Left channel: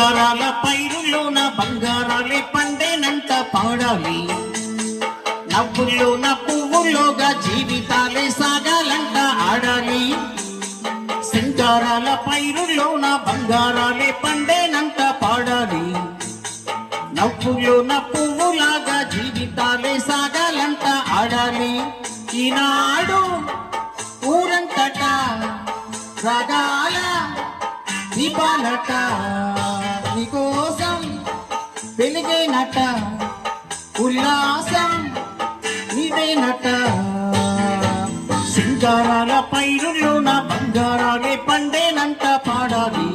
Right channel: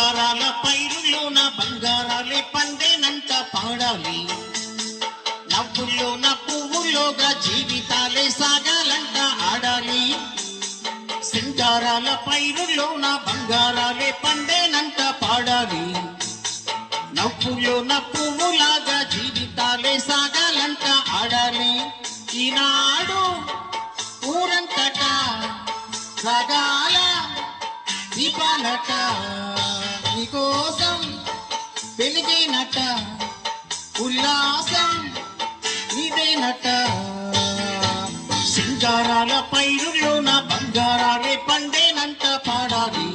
సింగారాల పైరులోన బంగారాలే పండేనంత పాడాలి, నవ్వుల్లోన పువ్వుల్లోగా జీవితాలే సాగాలంట ఆడాలి. సింగారాల పైరులోన బంగారాలే పండేనంత పాడాలి, నవ్వుల్లోన పువ్వులాగా జీవితాలే సాగాలంట ఆడాలి. ఈనాడు ఊరంతటా రగాల దీపాలట, నీకోసం వెలిగేనట, ఉల్లాసం నీదేనట. సింగారాల పైరులోన బంగారాలే పండేనంత పాడాలి,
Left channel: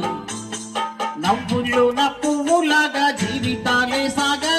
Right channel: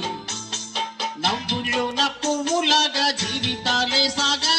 నవ్వుల్లోన పువ్వులాగా జీవితాలే సాగా